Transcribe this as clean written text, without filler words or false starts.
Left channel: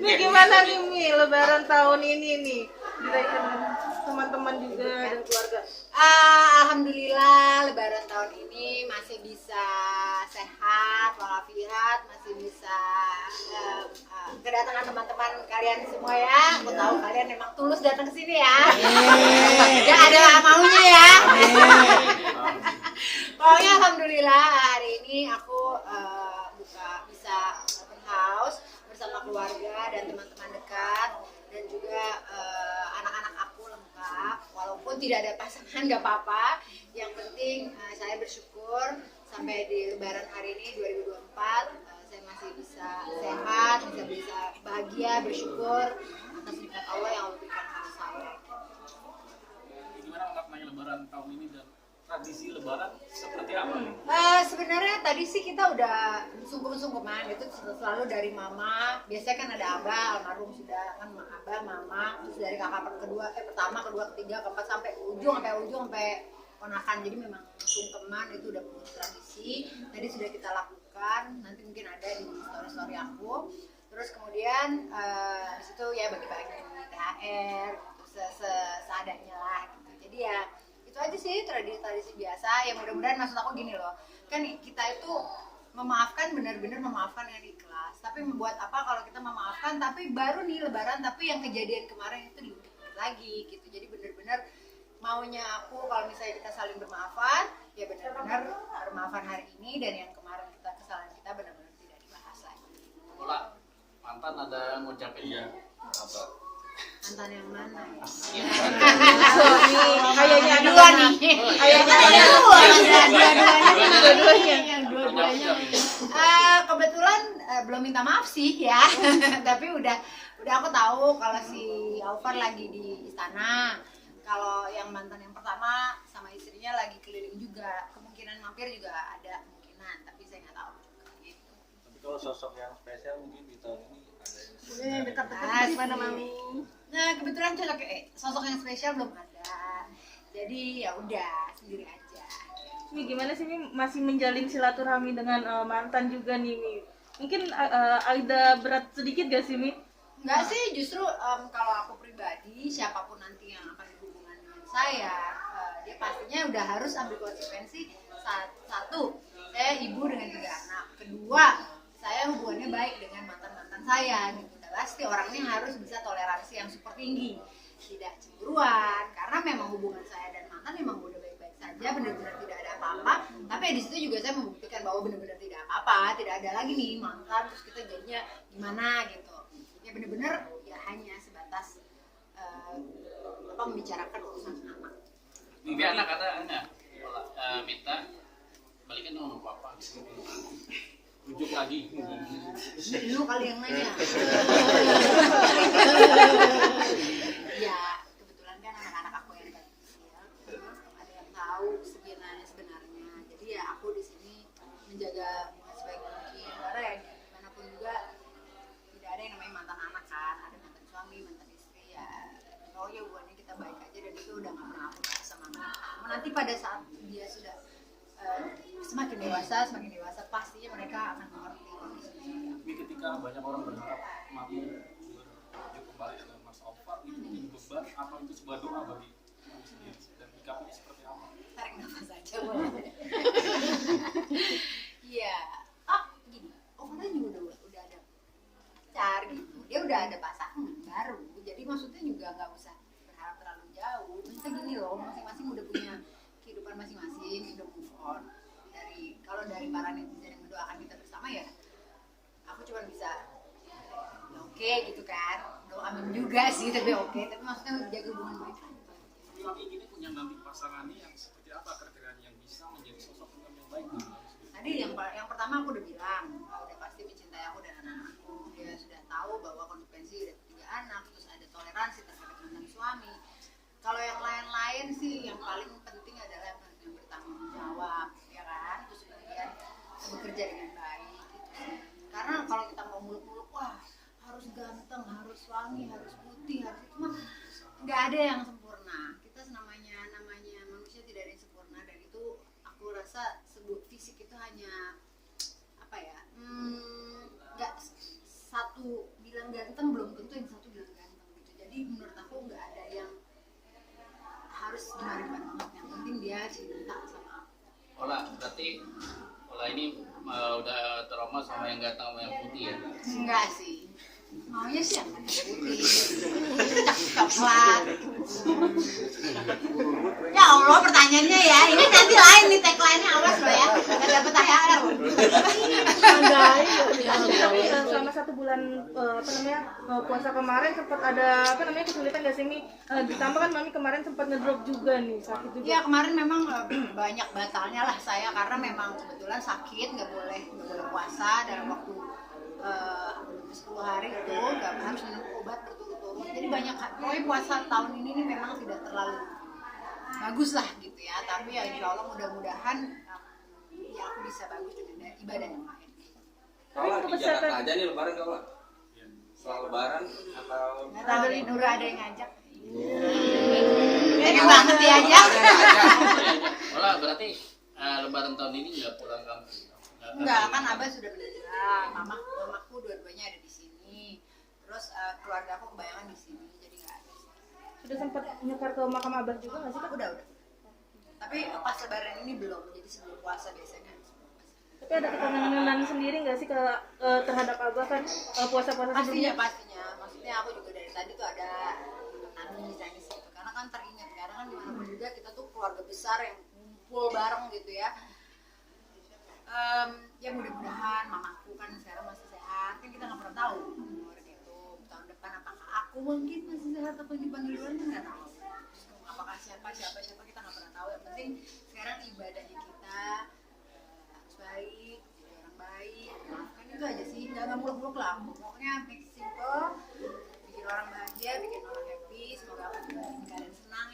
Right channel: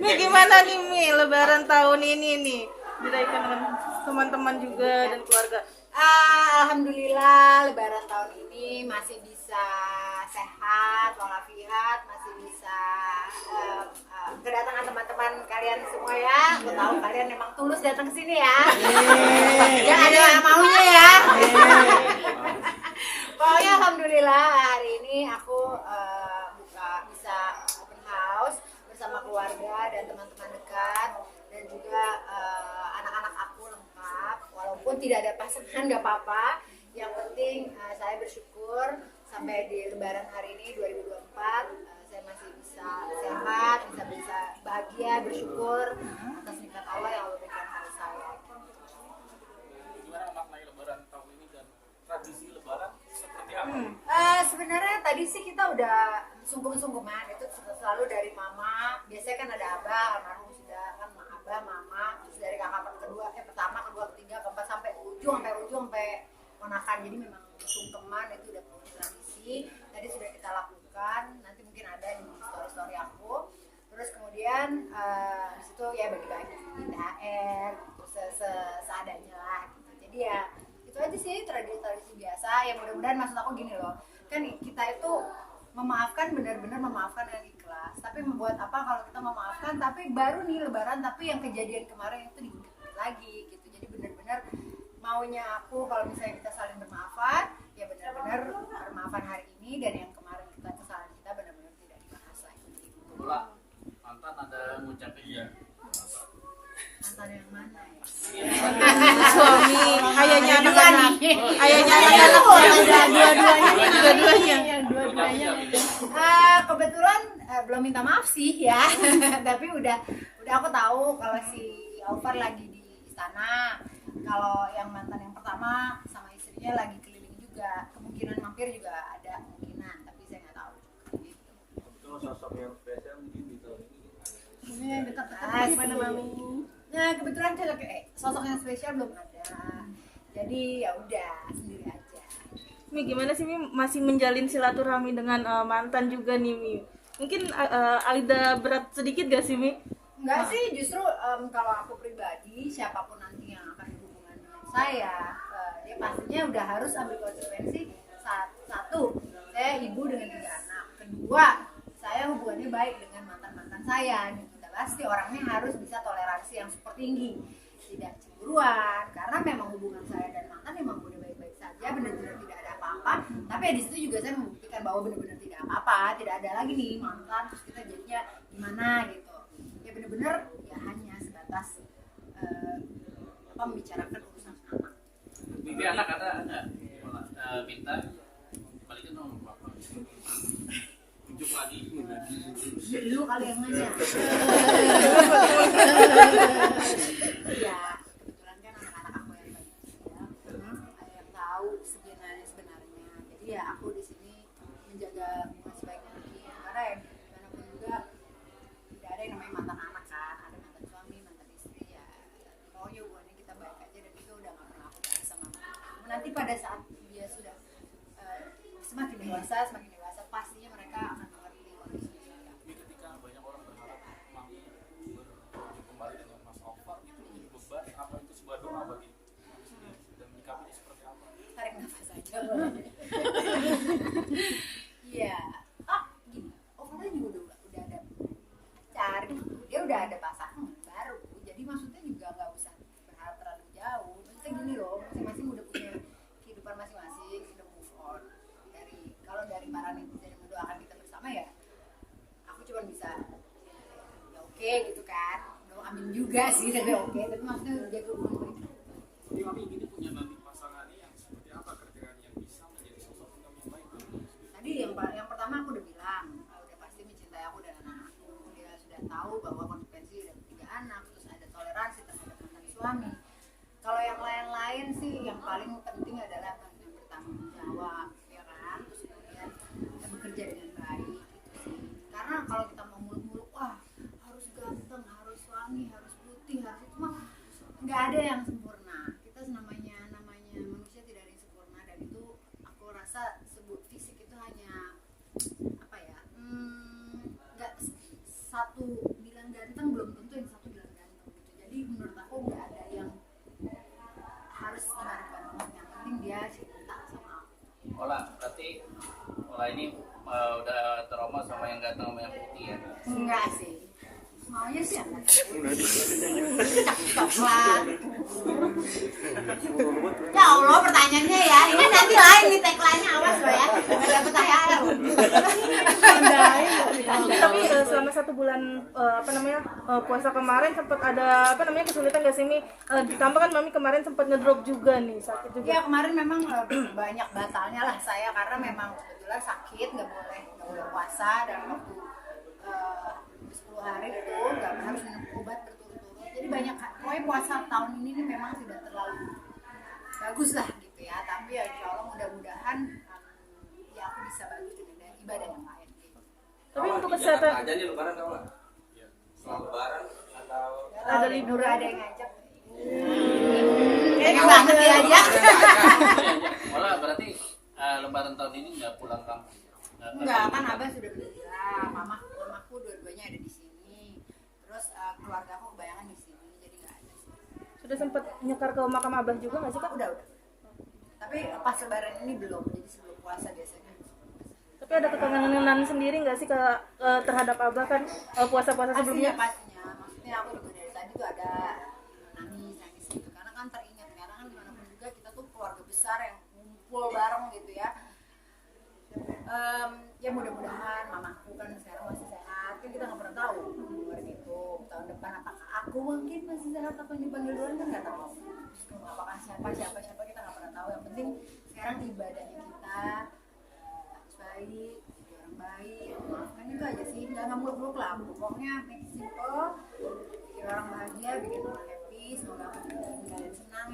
Nih gimana nih Mi, Lebaran tahun ini nih dirayakan dengan teman-teman juga dan keluarga. Alhamdulillah Lebaran tahun ini masih bisa sehat walafiat, masih bisa kedatangan teman-teman kalian semua ya. Aku tahu kalian memang tulus datang ke sini ya. Ya ada maunya ya. Pokoknya alhamdulillah hari ini aku bisa open house bersama keluarga dan teman-teman dekat dan juga anak-anak aku lengkap. Walaupun tidak ada pasangan nggak apa-apa. Yang penting saya bersyukur sampai di Lebaran hari ini 2024 saya masih bisa sehat, bisa bahagia, bersyukur atas nikmat Allah yang Allah berikan pada saya. Gimana memaknai Lebaran tahun ini dan tradisi Lebaran seperti apa? Sebenarnya tadi sih kita udah sungkem-sungkeman itu selalu dari mama. Biasanya kan ada abah, almarhum sudah kan abah, mama, terus dari kakak pertama, kedua, ketiga, keempat sampai ujung sampai ponakan. Jadi memang sungkeman itu udah punya tradisi. Tadi sudah kita lakukan. Nanti mungkin ada di story aku. Terus kemudian di situ ya bagi-bagi THR gitu seadanya lah gitu. Jadi ya itu aja sih tradisi biasa. Ya mudah-mudahan maksud aku gini loh. Kan kita itu memaafkan, benar-benar memaafkan dengan ikhlas. Tapi membuat apa kalau kita memaafkan tapi baru nih Lebaran tapi yang kejadian kemarin itu diingat lagi gitu. Jadi benar-benar maunya aku kalau misalnya kita saling bermaafan, ya benar-benar bermaafan hari ini dan yang kemarin kesalahan kita benar-benar tidak dibahas lagi. Pak, mantan ada yang mau capek ya? Mantan yang mana ya? Suami, ayahnya Dua nih. Ayahnya Dua-duanya. Kebetulan belum minta maaf sih ya. Tapi udah aku tahu kalau si Aufar lagi di istana. Kalau yang mantan yang pertama sama istrinya lagi keliling juga. Kemungkinan mampir juga ada kemungkinan, tapi saya nggak tahu gitu. Tapi kalau sosok yang spesial mungkin di tahun ini Mungkin yang dekat-dekat gimana Mami? Nah kebetulan sosok yang spesial belum ada. Jadi ya udah sendiri aja. Mi gimana sih Mi masih menjalin silaturahmi dengan mantan juga nih Mi? Mungkin ada berat sedikit gak sih Mi? Enggak sih, justru kalau aku pribadi siapapun nanti yang akan berhubungan dengan saya, dia pastinya udah harus ambil konsekuensi. Satu, saya ibu dengan 3 anak. Kedua, saya hubungannya baik dengan mantan-mantan saya gitu. Udah pasti orangnya harus bisa toleransi yang super tinggi, tidak cemburuan, karena memang hubungan saya dan mantan memang udah baik-baik saja, benar-benar tidak ada apa-apa. Tapi di situ juga saya membuktikan bahwa benar-benar tidak apa-apa, tidak ada lagi nih mantan terus kita jadinya gimana gitu. Ya benar-benar ya hanya sebatas membicarakan urusan anak. Mimpi anak ada enggak? Minta balikin dong sama papa. Rujuk lagi. Lu kali yang nanya. Ya kebetulan kan anak-anak aku yang tadi ya, ada yang tahu sebenarnya. Jadi ya aku di sini menjaga hubungan sebaik mungkin. Karena ya dimanapun juga tidak ada yang namanya mantan anak kan, ada mantan suami, mantan istri ya. Pokoknya hubungannya kita baik aja dan itu udah nggak pernah aku bahas sama anak. Nanti pada saat dia sudah semakin dewasa pastinya mereka akan mengerti kondisinya seperti apa. Tapi ketika banyak orang berharap Mami berkunjung kembali dengan Mas Aufar, itu menjadi beban apa itu sebuah doa bagi Mami sendiri dan menyikapinya seperti apa? Tarik nafas aja boleh. Iya. Gini, Aufar juga udah ada pacar gitu. Dia udah ada pasangan baru. Jadi maksudnya juga nggak usah berharap terlalu jauh. Maksudnya gini loh, masing-masing udah punya kehidupan masing-masing, udah move on. Kalau dari para netizen yang mendoakan kita bersama ya, aku cuma bisa ya oke gitu kan. Belum amin juga sih, tapi oke. Tapi maksudnya jaga hubungan mereka. Jadi Mami gini punya nanti pasangannya yang seperti apa kriterianya yang bisa menjadi sosok yang baik? Tadi yang pertama aku udah bilang, udah pasti mencintai aku dan anak-anakku. Dia sudah tahu bahwa konsekuensi udah 3 anak, terus ada toleransi terhadap mantan suami. Kalau yang lain-lain sih yang paling penting adalah yang bertanggung jawab, ya kan? Terus kemudian bekerja dengan baik gitu sih. Karena kalau kita mau muluk-muluk, wah harus ganteng, harus wangi, harus putih, harus itu mah nggak ada yang sempurna. Kita namanya manusia tidak ada yang sempurna dan itu aku rasa fisik itu hanya apa ya? Nggak satu bilang ganteng berarti pola ini udah trauma sama yang ganteng sama yang putih ya. Enggak sih. Maunya sih yang putih. Coklat. Ya Allah pertanyaannya ya. Ini nanti lain nih tagline-nya, awas lo ya. Enggak dapat THR. Tapi selama 1 bulan puasa kemarin sempat ada kesulitan nggak sih Mi? Ditambah kan Mami kemarin sempat ngedrop juga nih, sakit juga. Ya kemarin memang banyak batalnya lah saya karena memang kebetulan sakit, nggak boleh puasa dalam waktu 10 hari itu, nggak harus minum obat berturut-turut. Jadi banyak, pokoknya puasa tahun ini nih memang tidak terlalu bagus lah gitu ya. Tapi ya insya Allah mudah-mudahan ya aku bisa bagus dengan ibadah yang lain. Tapi untuk di kesehatan Jakarta aja nih lebaran kau lah. Setelah lebaran atau Nggak tahu deh, Nura ada yang ngajak. Pengen banget dia aja. Olah berarti lebaran tahun ini nggak pulang kampung? Enggak, kan Abah sudah meninggal, mamaku dua-duanya ada di sini. Terus keluarga aku kebayangan di sini, jadi nggak ada sih. sudah sempat nyekar ke makam Abah juga nggak sih Kak? Udah. Tapi pas lebaran ini belum, jadi sebelum puasa biasanya. Tapi ada kekangenan sendiri nggak sih terhadap Abah kan puasa-puasa sebelumnya? Pastinya. Maksudnya aku juga dari tadi tuh ada nangis gitu. Karena kan teringat, karena kan dimanapun juga kita tuh keluarga besar yang ngumpul bareng gitu ya. Ya mudah-mudahan mamaku kan sekarang masih sehat, kan kita nggak pernah tahu luar gitu. Tahun depan apakah aku mungkin masih sehat atau dipanggil duluan kan nggak tahu. Apakah siapa kita nggak pernah tahu. Yang penting sekarang ibadahnya kita harus baik, jadi orang baik, maafkan itu aja sih, nggak muluk-muluk lah. Pokoknya make it simple, bikin orang bahagia, bikin orang happy. Semoga aku juga bikin kalian senang